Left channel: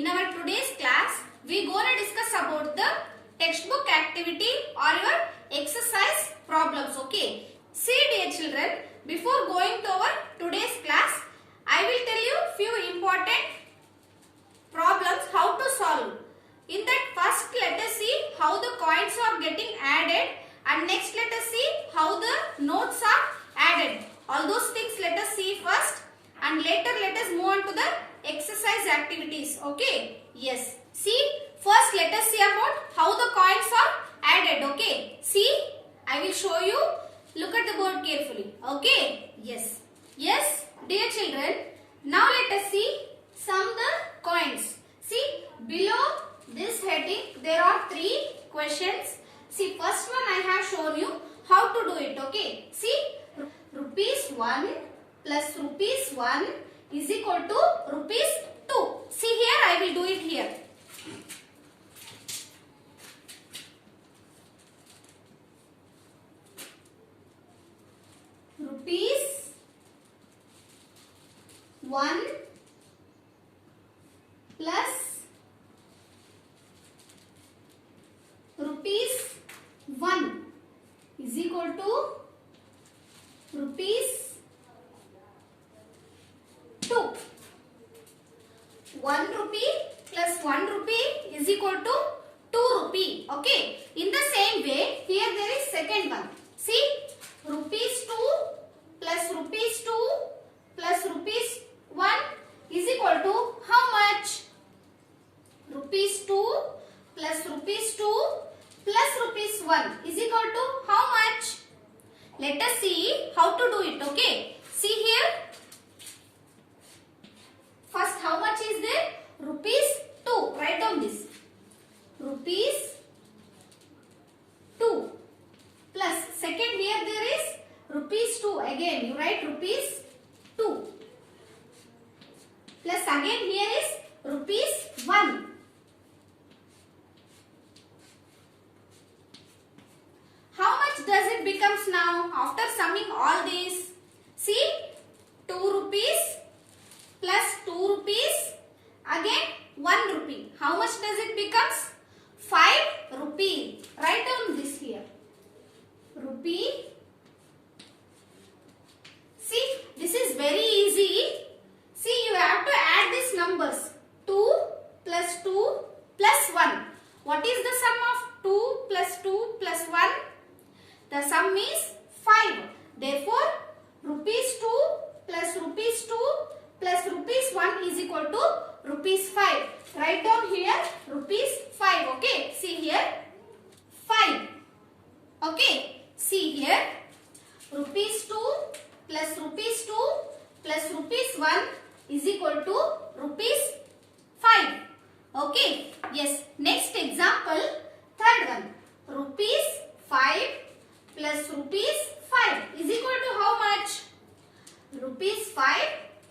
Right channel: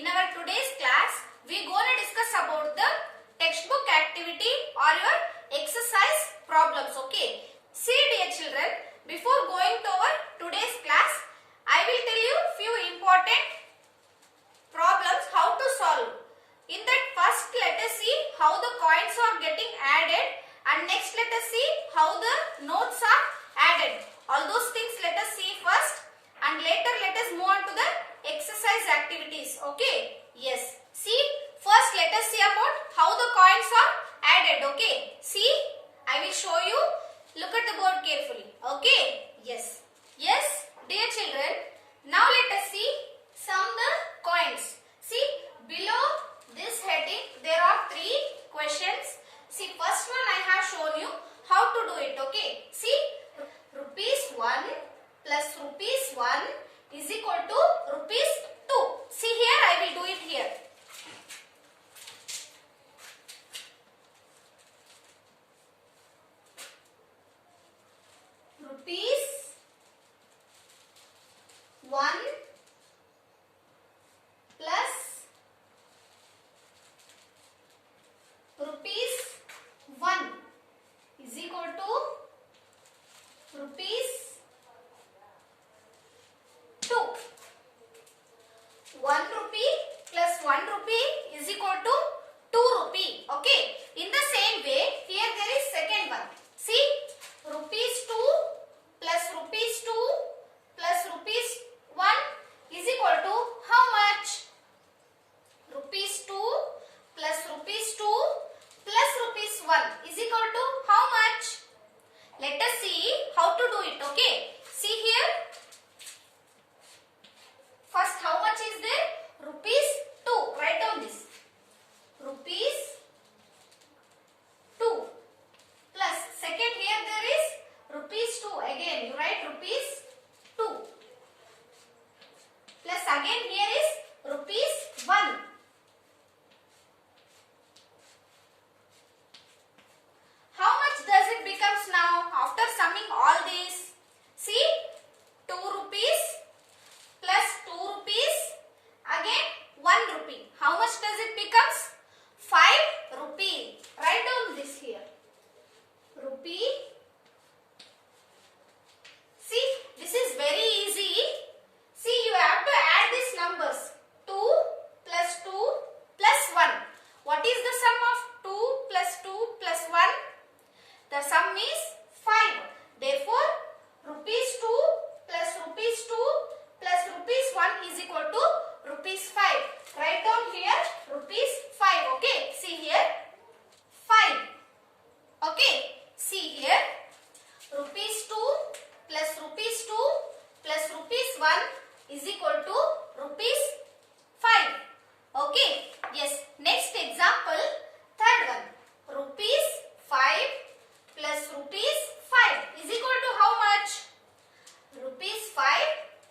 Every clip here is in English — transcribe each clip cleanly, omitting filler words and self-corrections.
In our today's class, we gonna discuss about the textbook activity or your exercise problems. Okay. See dear children, before going to our today's class, I will tell you few important problems how to solve. In that first let us see how the coins are getting added, and next let us see how the notes are added. All those things let us see first, and later let us move on to the exercise activities. Okay. Yes. See, first let us see about how the coins are added. Okay. See, I will show you. Look at the board carefully. Okay. Yes. Yes, dear children. Now let us see sum the coins. See, below this heading there are 3 questions. See, first one I have shown you how to do it. Okay. See, rupees 1 plus rupees 1 is equal to rupees 2. See here, I will do it here. Rupees 1 plus rupees 1 is equal to rupees 2. 1 rupee plus 1 rupee is equal to 2 rupee. Okay. In the same way, here there is second one. See, rupees 2 plus rupees 2 plus rupees 1 is equal to how much? Rupees 2 plus rupees 2 plus rupees 1 is equal to how much? Let us see how to do it. Okay. See here. First, how much is there? Rupees 2. Write down this. Rupees 2 plus second here there is rupees 2. Again you write rupees 2 plus again here is rupees 1. How much does it becomes now after summing all these? See, 2 rupees plus 2 rupees, again 1 rupee. How much does it becomes? 5 rupee. Write down this here. Rupee. See, this is very easy. See, you have to add these numbers. 2 plus 2 plus 1. What is the sum of 2 plus 2 plus 1? The sum is 5. Therefore, rupees 2 plus rupees 2 plus rupees 1 is equal to rupees 5. Write down here rupees 5. Okay. See here 5. Okay. See here rupees 2 plus rupees 2 plus rupees 1 is equal to rupees 5. Okay. Yes. Next example, third one. Rupees 5 plus rupees 5 is equal to how much? Rupees 5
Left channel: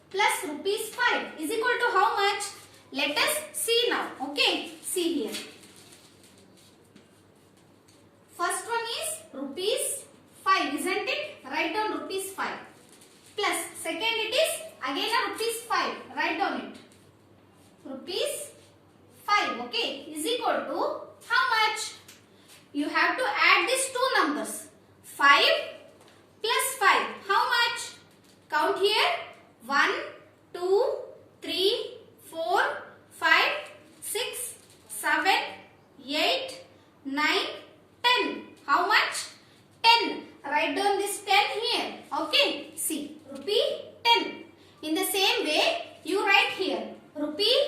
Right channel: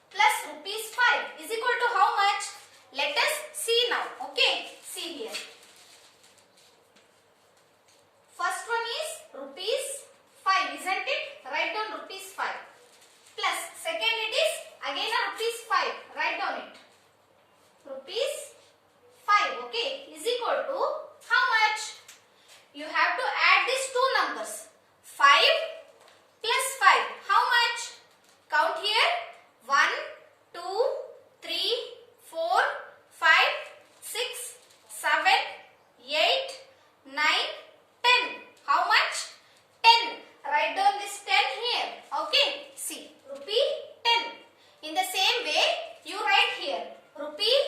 plus rupees 5 is equal to how much? Let us see now. Okay. See here. First one is rupees 5, isn't it? Write down rupees 5. Plus second it is again a rupees 5. Write down it. Rupees 5. Okay. Is equal to how much? You have to add these two numbers. 5 plus 5. How much? Count here. 1, 2, 3, 4, 5, 6, 7, 8, 9, 10. How much? 10. Write down this 10 here. Okay. See. Rupee 10. In the same way, you write here. Rupee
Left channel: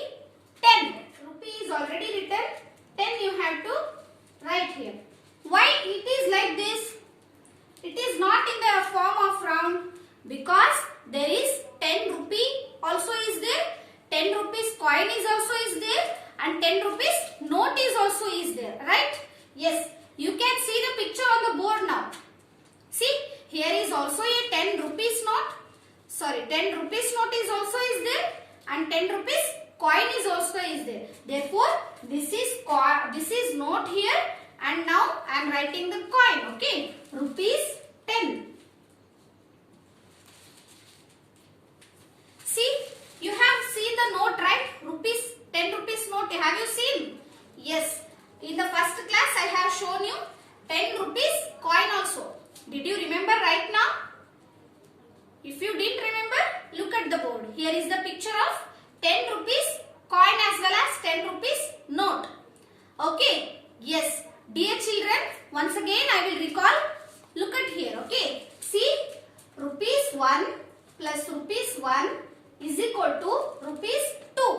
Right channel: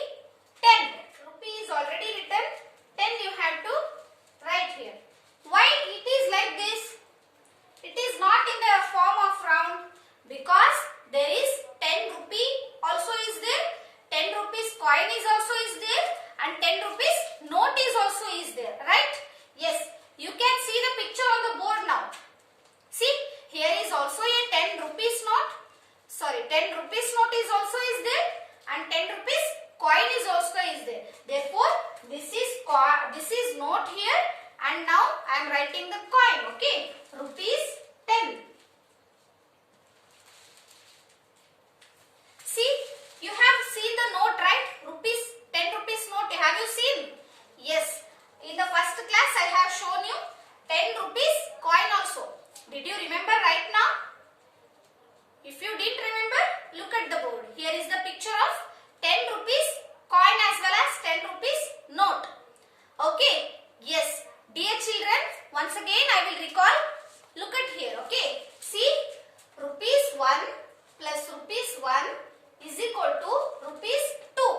10. Rupee is already written. 10 you have to write here. Why it is like this? It is not in the form of round because there is 10 rupee also is there, 10 rupees coin is also is there, and 10 rupees note is also is there, right? Yes, you can see the picture on the board now. See, here is also a 10 rupees note. Sorry, 10 rupees note is also is there, and 10 rupees coin is also is there. Therefore, this is note here, and now I am writing the coin. Okay, rupees 10. See, you have seen the note, right? 10 rupees Have you seen? Yes. In the first class I have shown you 10 rupees coin also. Did you remember right now? If you didn't remember, look at the board. Here is the picture of 10 rupees coin as well as 10 rupees note. Okay. Yes. Dear children, once again I will recall. Look at here. Okay. See, rupees 1 plus rupees 1 is equal to rupees 2.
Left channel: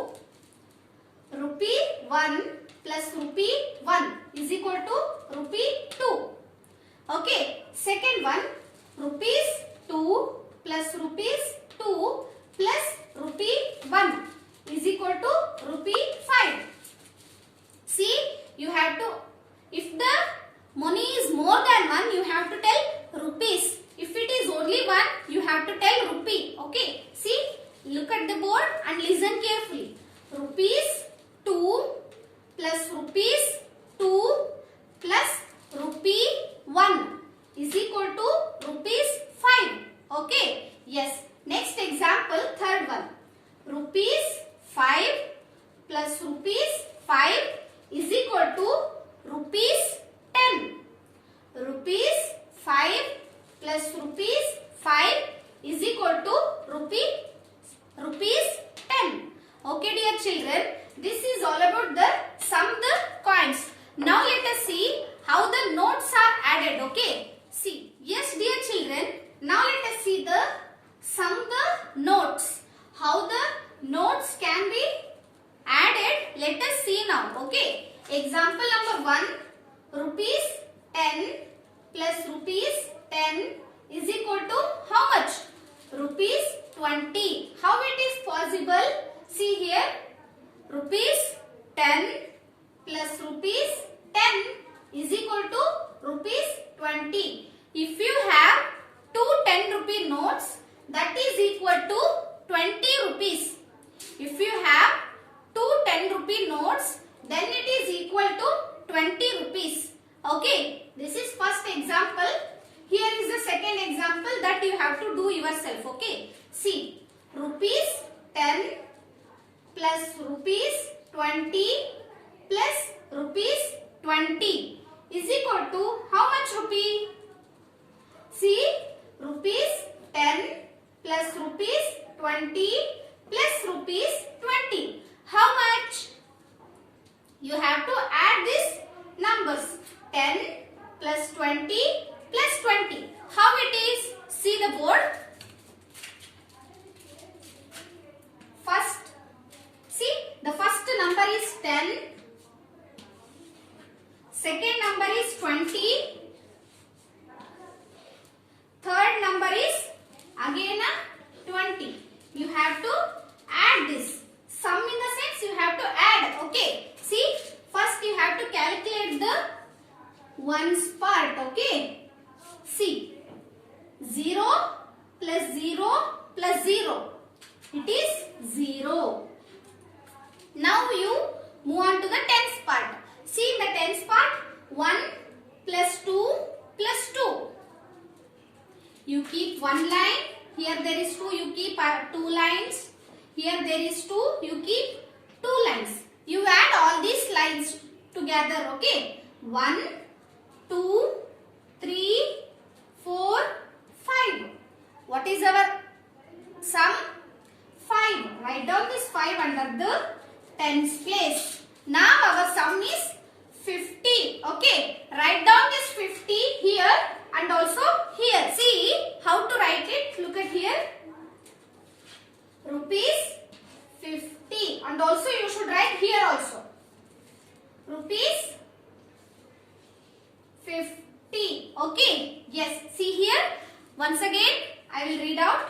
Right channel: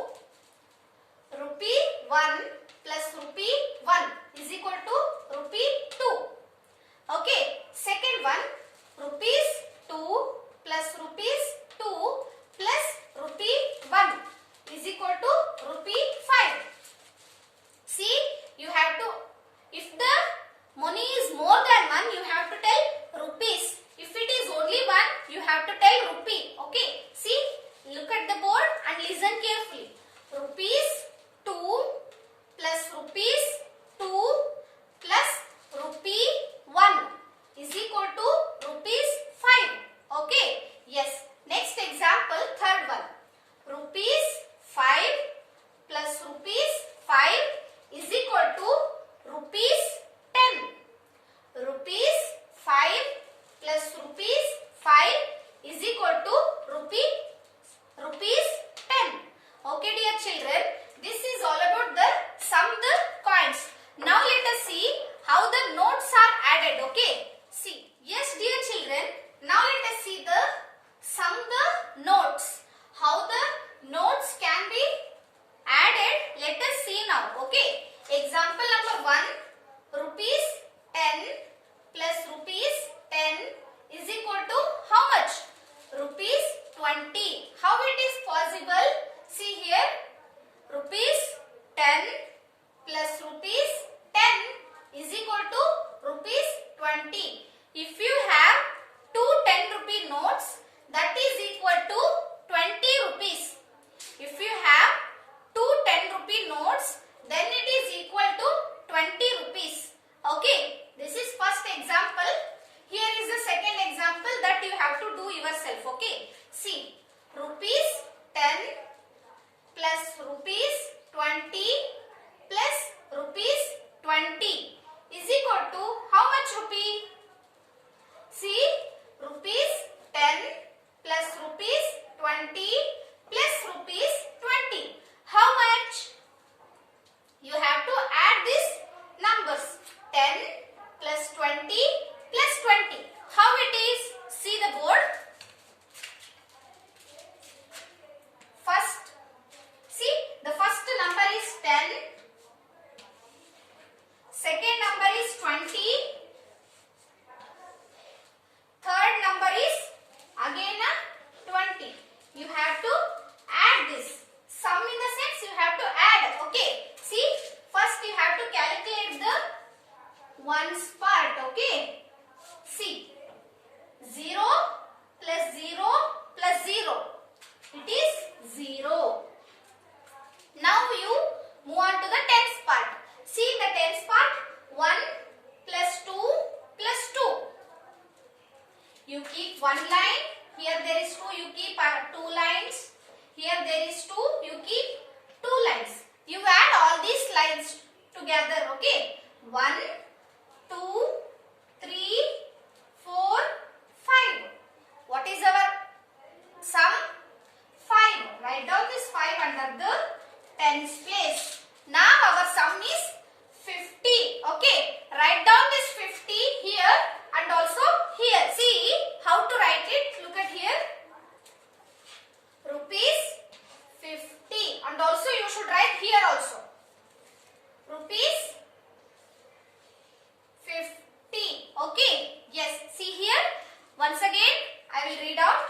Rupee 1 plus rupee 1 is equal to rupee 2. Okay. Second one, rupees 2 plus rupees 2 plus rupee 1 is equal to rupee 5. See, you have to, if the money is more than 1, you have to tell rupees. If it is only 1, you have to tell rupee. Okay. See, look at the board and listen carefully. Rupees 2 plus rupees 2 plus rupee 1 is equal to rupees 5. Okay. Yes. Next example, third one. Rupees 5 plus rupees 5 is equal to rupees 10. Rupees 5 plus rupees 5 is equal to rupees 10. Okay, dear children, this is all about the sum the coins. Now let us see how the notes are added. Okay. See, yes, dear children, now let us see the sum the notes. How the notes can be added, let us see now. Okay. Example number 1, rupees 10 plus rupees 10 is equal to how much? Rupees 20. How it is possible? See here, rupees 10 plus rupees 10 is equal to rupees 20. If you have two 10 rupee notes, that is equal to 20 rupees. If you have two 10 rupee notes, then it is equal to 20 rupees. Okay, this is first example. Here is the second example that you have to do yourself. Okay, see, rupees 10 plus rupees 20 plus rupees 20 is equal to how much rupee? See, rupees 10 plus rupees 20 plus rupees 20. How much? You have to add these numbers. 10 plus 20 plus 20. How it is? See the board. First, see, the first number is 10. Second number is 20. Third number is again a 20. You have to add this. Sum in the sense you have to add. Okay. See, first you have to calculate the ones part. Okay. See, 0 plus 0 plus 0. It is 0. Now you move on to the tens part. See, in the tens part, 1 plus 2 plus 2. You keep one line. Here there is 2. You keep 2 lines. Here there is 2. You keep 2 lines. You add all these lines together. Okay. 1, 2, 3, 4, 5. What is our sum? 5. Write down this 5 under the tens place. Now our sum is 50. Okay. Write down this 50 here and also here. See how to write it. Look at here. Rupees 50. And also you should write here also. Rupees 50. Okay. Yes. See here. Once again I will read out.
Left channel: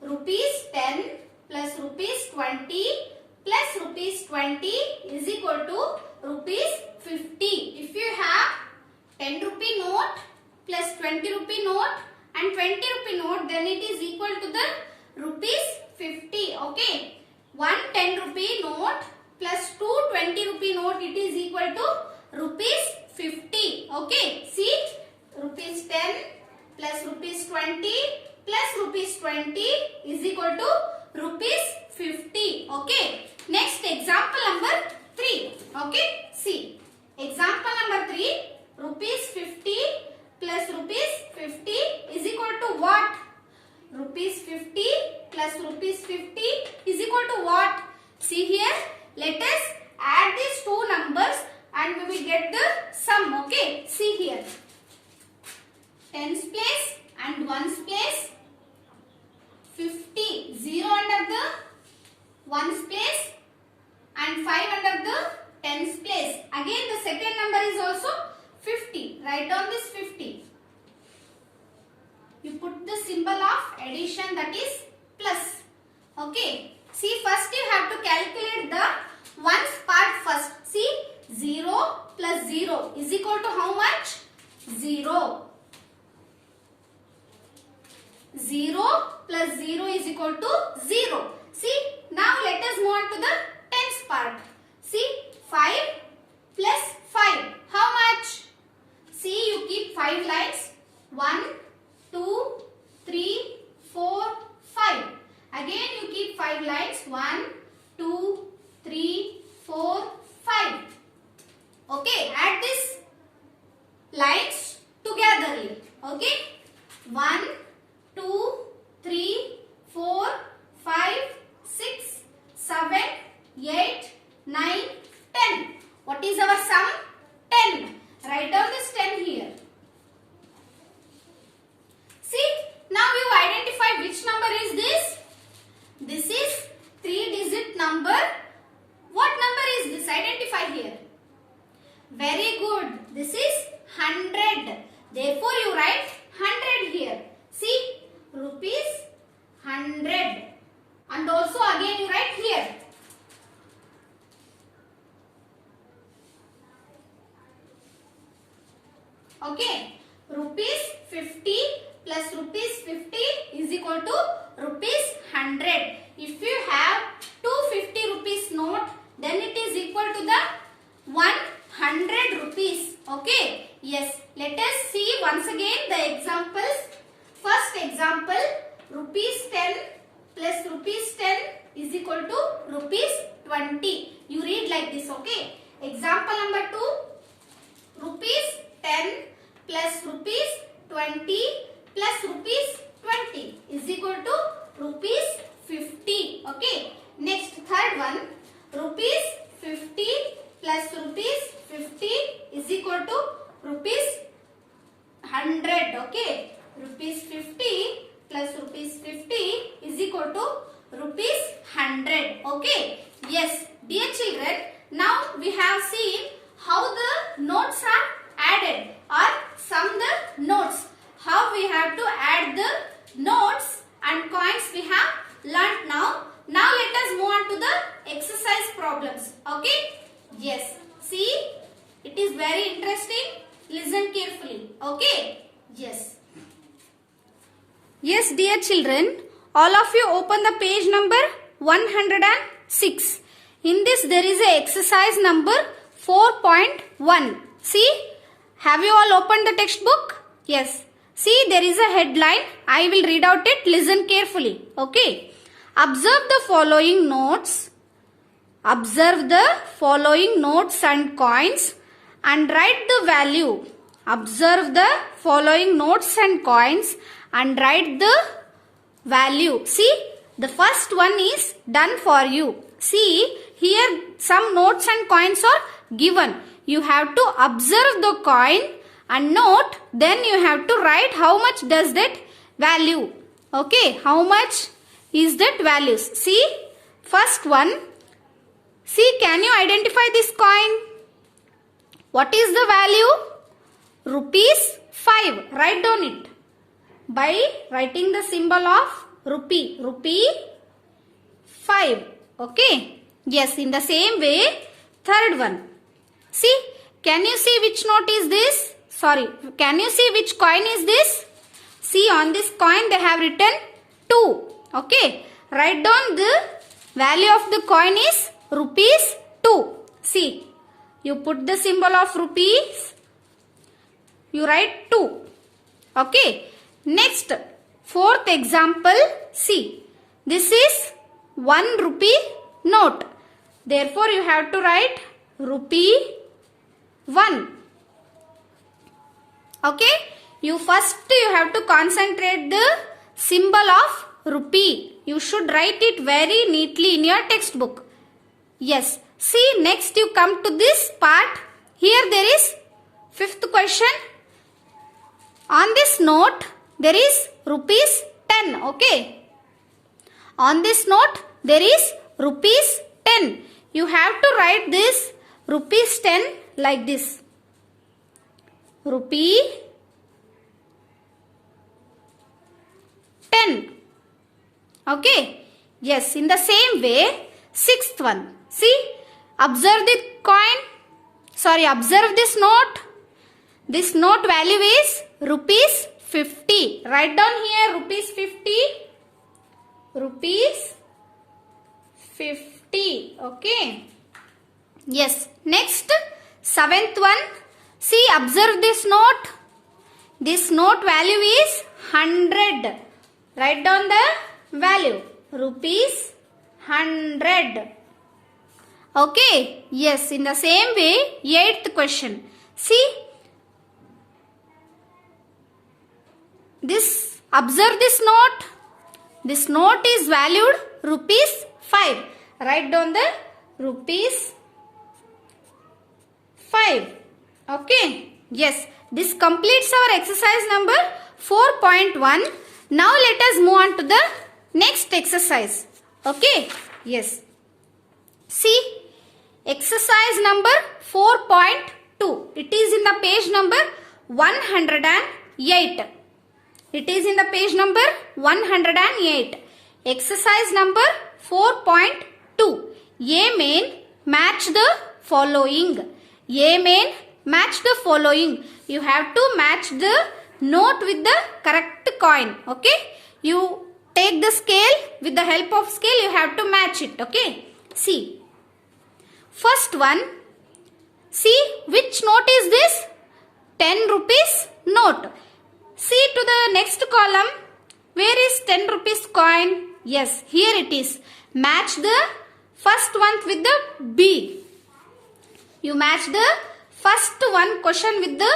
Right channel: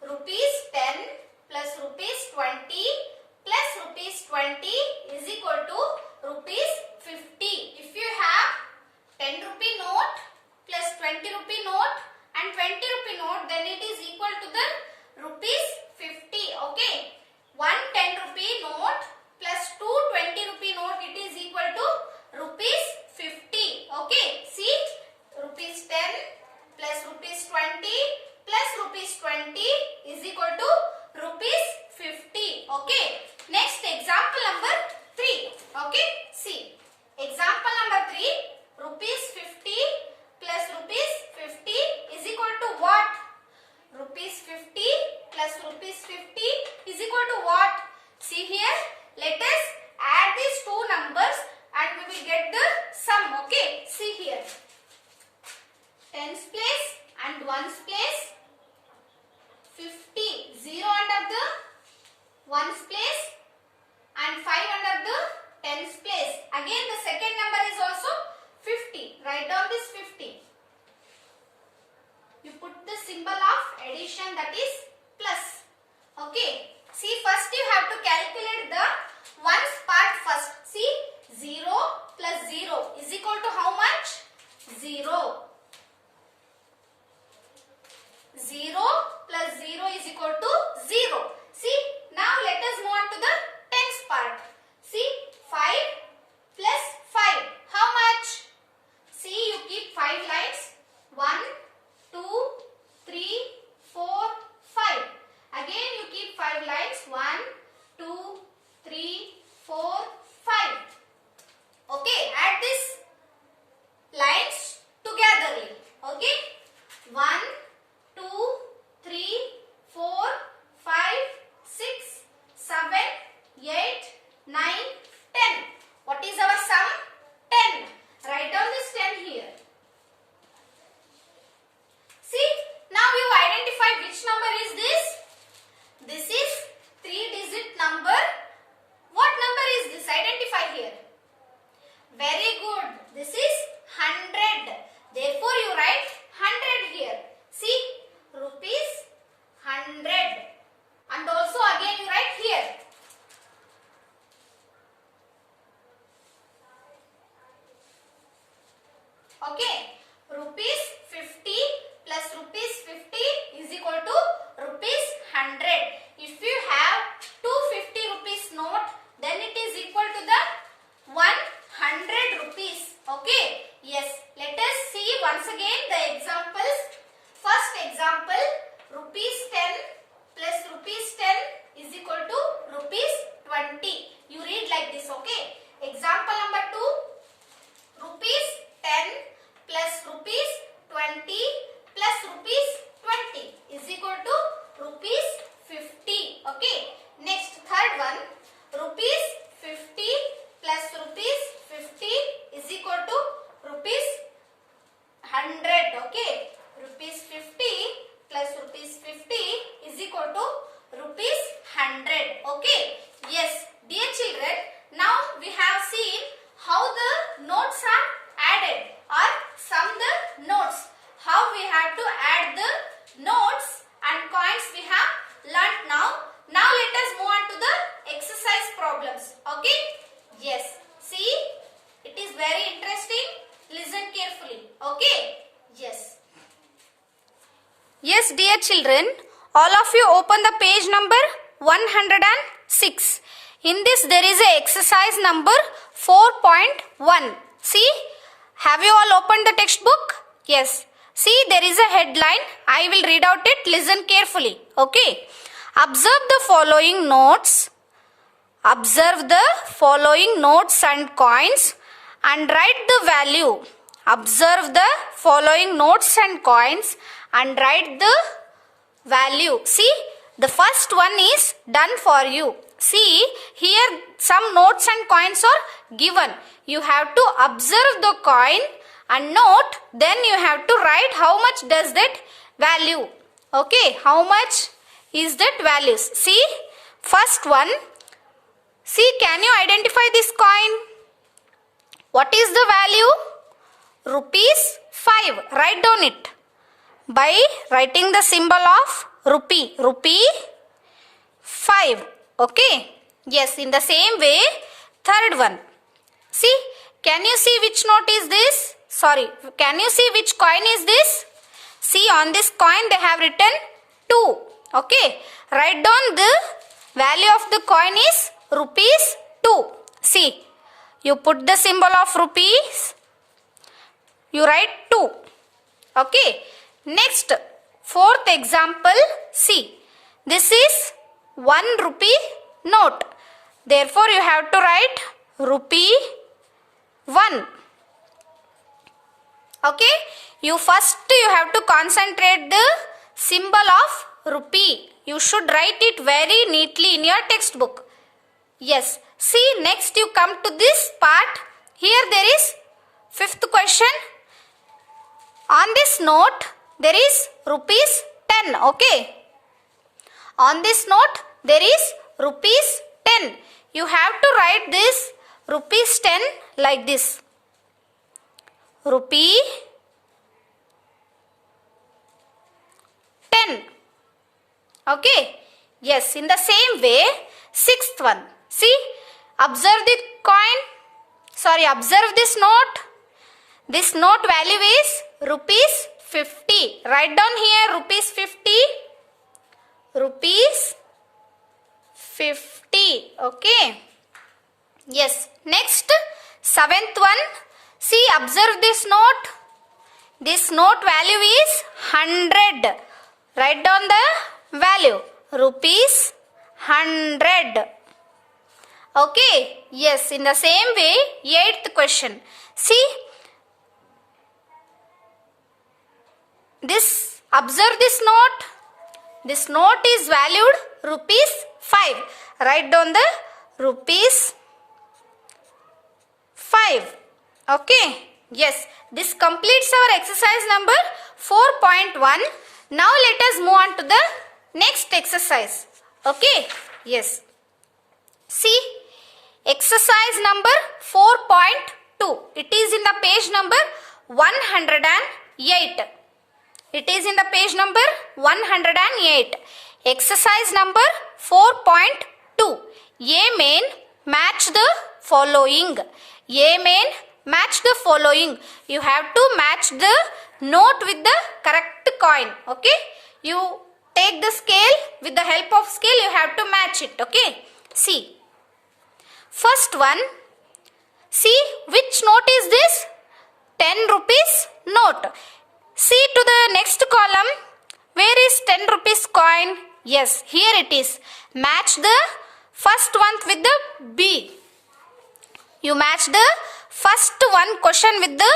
Rupees 10 plus rupees 20 plus rupees 20 is equal to rupees 50. If you have 10 rupee note plus 20 rupee note and 20 rupee note, then it is equal to the rupees 50. Okay. One 10 rupee note plus two 20 rupee note, it is equal to rupees 50. Okay. See, rupees 10 plus rupees 20 plus rupees 20 is equal to rupees 50. Okay. Next example number 3. Okay, see. Example number 3. Rupees 50 plus rupees 50 is equal to what? Rupees 50 plus rupees 50 is equal to what? See here. Let us add these two numbers and we will get the sum. Okay, see here. Tens place and ones place. 50, 0 under the ones place and 5 under the tens place. Again the second number is also 50. Write down this 50. You put the symbol of addition, that is plus. Okay. See, first you have to calculate the ones part first. See, 0 plus 0 is equal to how much? 0. 0 plus 0 is equal to 0. See, now let us move on to the tens part. See, 5 plus 5. How much? See, you keep 5 lines. 1, 2, 3, 4, 5. Again you keep 5 lines. 1, 2, 3, 4, 5. Okay, add these lines togetherly. Okay, 1, 2, 3, 4, 5, 6, 7, 8, 9, 10. What is our sum? 10. Write down this 10 here. See, now you identify which number is this. This is 3-digit number. What number is this? Identify here. Very good. This is 100. Therefore, you write 100 here. See, rupees 100. And also again you write here. Okay. Rupees 50 plus rupees 50 is equal to rupees 100. If you have 250 rupees note, then it is equal to the 100 rupees. Okay. Yes. Let us see once again the examples. First example, rupees 10 plus rupees 10 is equal to rupees 20. You read like this, okay? Example number 2, rupees 10 plus rupees 20 plus rupees 20 is equal to rupees 50. Okay. Next, third one, rupees 50 plus rupees 50 is equal to rupees 100. Okay. Rupees 50 plus rupees 50 is equal to rupees 100. Okay. Yes, dear children, now we have seen how the notes are added or sum the notes. How we have to add the notes and coins we have learnt now. Now let us move on to the exercise problems. Okay. Yes. See, it is very interesting. Listen carefully. Okay. Yes. Yes, dear children, all of you open the page number 106. In this there is a exercise number 4.1. See, have you all opened the textbook? Yes. See, there is a headline. I will read out it. Listen carefully. Okay. Observe the following notes. Observe the following notes and coins and write the value. Observe the following notes and coins and write the value. See, the first one is done for you. See, here some notes and coins are given. You have to observe the coin and note, then you have to write how much does that value. Okay, how much is that values. See, first one. See, can you identify this coin? What is the value? Rupees 5. Write down it by writing the symbol of rupee. Rupee 5. Okay. Yes, in the same way, third one. See, can you see which note is this? Sorry, can you see which coin is this? See, on this coin they have written 2. Okay. Write down the value of the coin is rupees 2. See, you put the symbol of rupees. You write 2. Okay. Next, fourth example. See, this is 1 rupee note. Therefore, you have to write rupee 1. Okay? You have to concentrate the symbol of rupee. You should write it very neatly in your textbook. Yes. See, next you come to this part. Here there is fifth question. On this note, there is rupees 10. Okay. On this note, there is rupees 10. You have to write this rupees 10 like this. Rupee 10. Okay. Yes, in the same way, sixth one. See, observe the coin. Observe this note. This note value is rupees 50. Write down here rupees 50. Rupees 50. Okay. Yes. Next, seventh one. See, observe this note. This note value is 100. Write down the value. Rupees 100. Okay. Yes. In the same way, eighth question. See, observe this note. This note is valued rupees 5. Write down the rupees 5. Okay. Yes. This completes our exercise number 4.1. Now let us move on to the next exercise. Okay. Yes. See, exercise number 4.2. It is in the page number 108. It is in the page number 108. Exercise number 4.2. A main match the following. A main match the following. You have to match the note with the correct coin. Okay. You take the scale. With the help of scale, you have to match it. Okay. See. First one. See, which note is this? 10 rupees note. See to the next column. Where is 10 rupees coin? Yes, here it is. Match the first one with the B. You match the first one question with the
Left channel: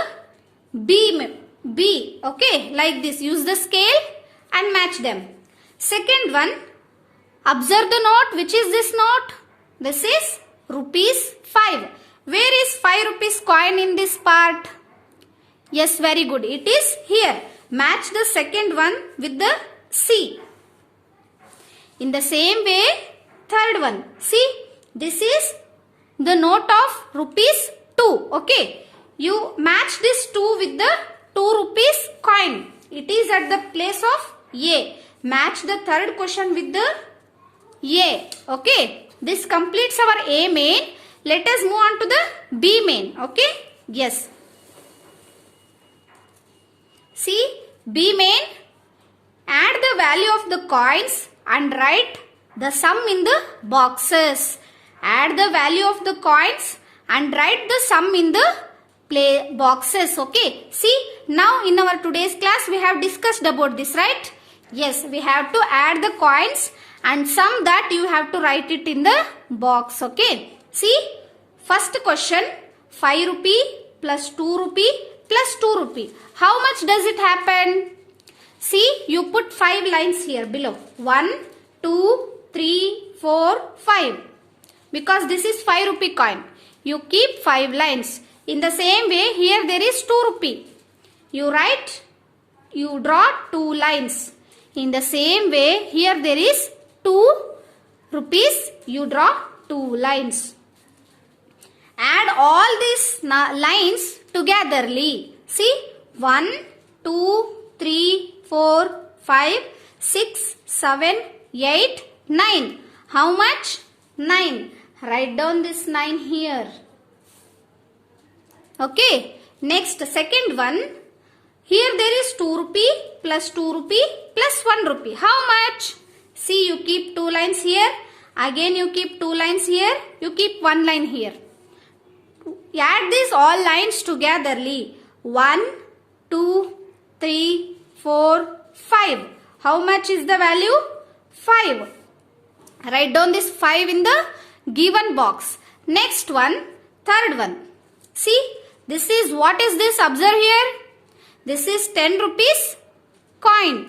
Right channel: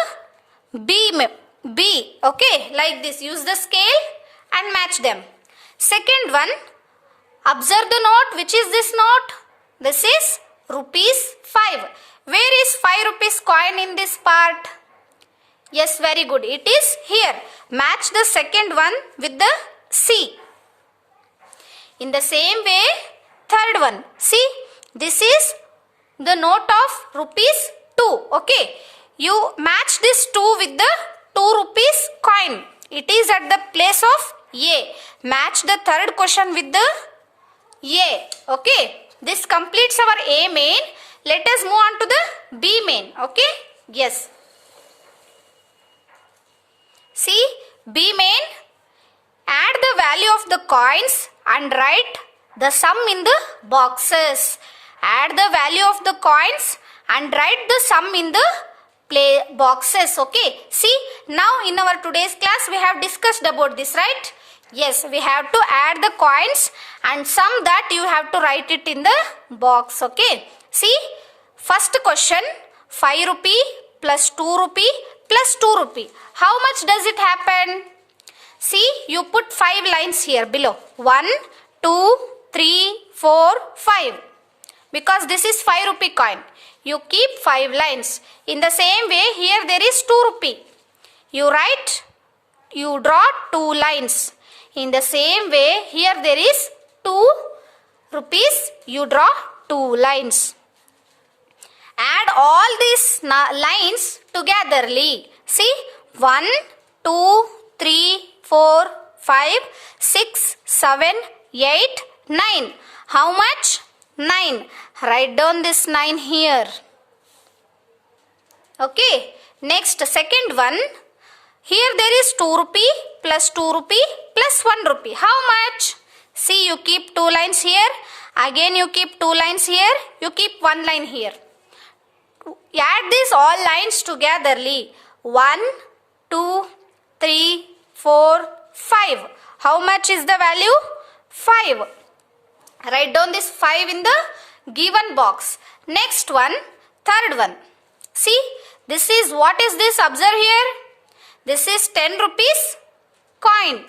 B. Okay, like this. Use the scale and match them. Second one. Observe the note. Which is this note? This is rupees 5. Where is 5 rupees coin in this part? Yes, very good. It is here. Match the second one with the C. In the same way, third one. See, this is the note of rupees 2. Okay. You match this 2 with the 2 rupees coin. It is at the place of A. Match the third question with the A. Okay. This completes our A main. Let us move on to the B main. Okay. Yes. See, B main, add the value of the coins and write the sum in the boxes. Add the value of the coins and write the sum in the boxes. Okay. See, now in our today's class we have discussed about this, right? Yes, we have to add the coins and sum that you have to write it in the box. Okay. See, first question, 5 rupee plus 2 rupee plus 2 rupee. How much does it happen? See, you put 5 lines here below. 1, 2, 3, 4, 5. Because this is 5 rupee coin. You keep 5 lines. In the same way, here there is 2 rupee. You draw 2 lines. In the same way, here there is 2 rupees. You draw 2 lines. Add all these lines togetherly. See, 1, 2, 3, 4, 5, 6, 7, 8, 9. How much? 9. Write down this 9 here. Okay. Next, second one. Here there is 2 rupee plus 2 rupee plus 1 rupee. How much? See, you keep 2 lines here. Again you keep 2 lines here. You keep 1 line here. Add these all lines togetherly. 1, 2, 3, 4, 5. How much is the value? 5. Write down this 5 in the given box. Next one, third one. See, this is, what is this? Observe here. This is 10 rupees coin,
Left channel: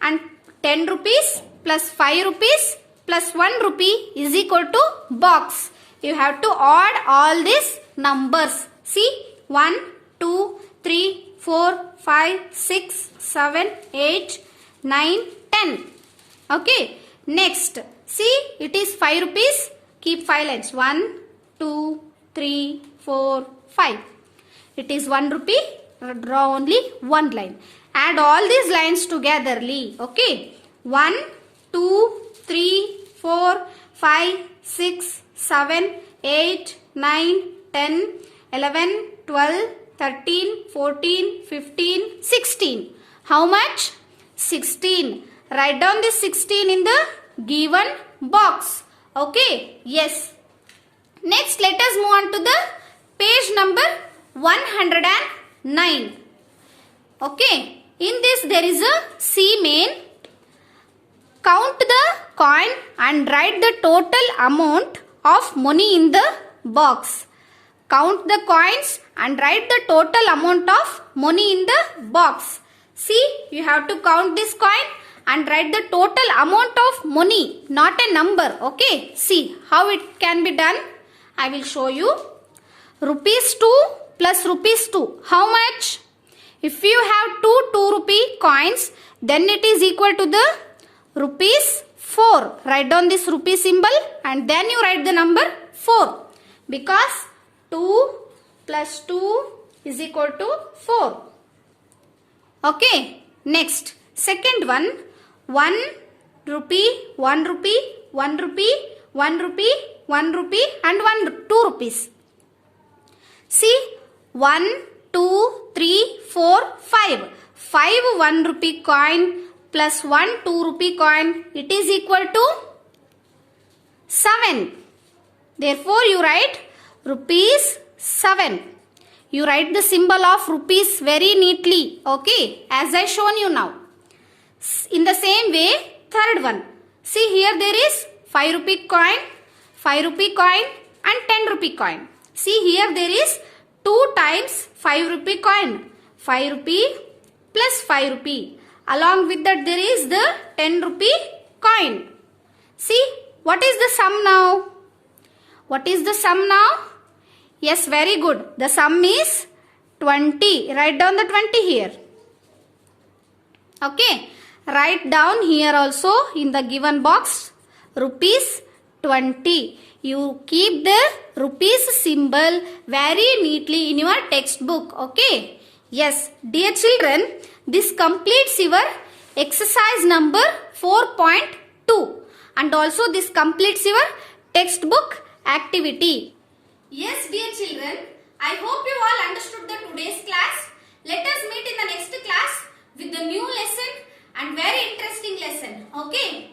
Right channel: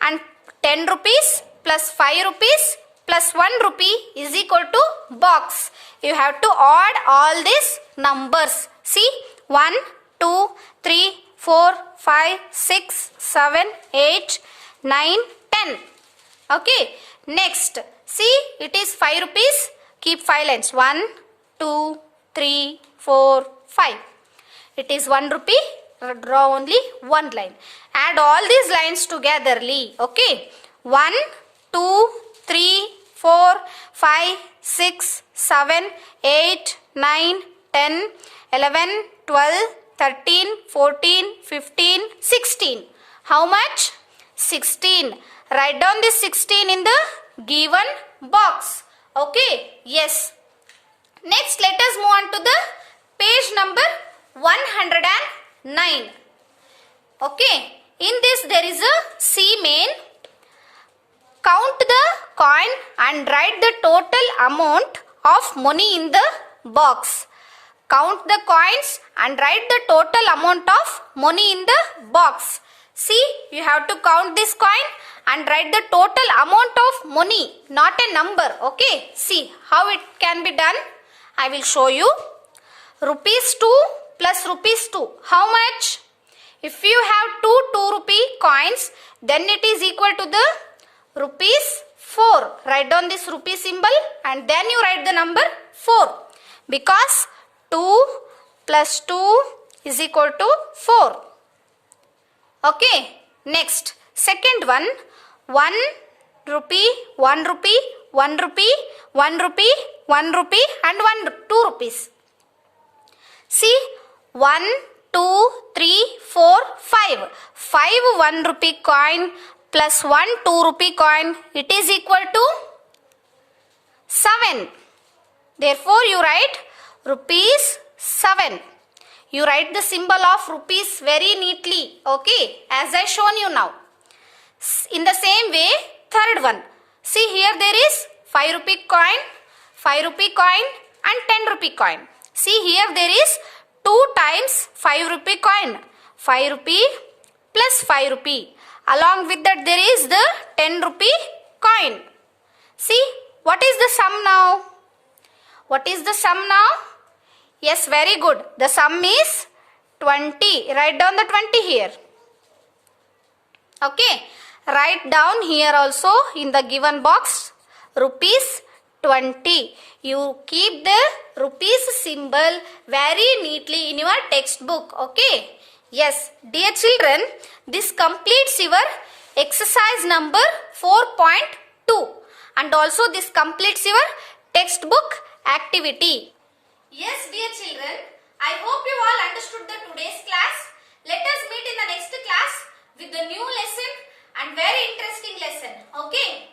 and 10 rupees plus 5 rupees plus 1 rupee is equal to box. You have to add all these numbers. See, 1, 2, 3, 4, 5, 6, 7, 8, 9, 10. Okay. Next, see, it is 5 rupees. Keep 5 lines. 1, 2, 3, 4, 5. It is 1 rupee. Draw only one line. Add all these lines togetherly. Okay. 1, 2, 3, 4, 5, 6, 7, 8, 9, 10, 11, 12, 13, 14, 15, 16. How much? 16. Write down this 16 in the given box. Okay. Yes. Next, let us move on to the page number 109. Okay. In this there is a C main. Count the coin and write the total amount of money in the box. Count the coins and write the total amount of money in the box. See, you have to count this coin and write the total amount of money, not a number. Okay. See how it can be done. I will show you. Rupees 2 plus rupees 2. How much? If you have two rupee coins, then it is equal to the rupees 4. Write down this rupee symbol and then you write the number 4. Because 2 plus 2 is equal to 4. Okay. Next, second one. 1 rupee, 1 rupee, 1 rupee, 1 rupee, 1 rupee and 2 rupees. See, 1, 2, 3, 4, 5. 5 1 rupee coin plus 1 2 rupee coin, it is equal to 7. Therefore, you write rupees 7. You write the symbol of rupees very neatly. Okay, as I shown you now. In the same way, third one. See, here there is 5 rupee coin, 5 rupee coin and 10 rupee coin. See, here there is 2 times 5 rupee coin. 5 rupee plus 5 rupee. Along with that there is the 10 rupee coin. See, what is the sum now? What is the sum now? Yes, very good. The sum is 20. Write down the 20 here. Okay. Write down here also in the given box rupees 20. You keep the rupees symbol very neatly in your textbook. Okay. Yes, dear children, this completes your exercise number 4.2 and also this completes your textbook activity. Yes, dear children, I hope you all understood the today's class. Let us meet in the next class with the new lesson and very interesting lesson. Okay.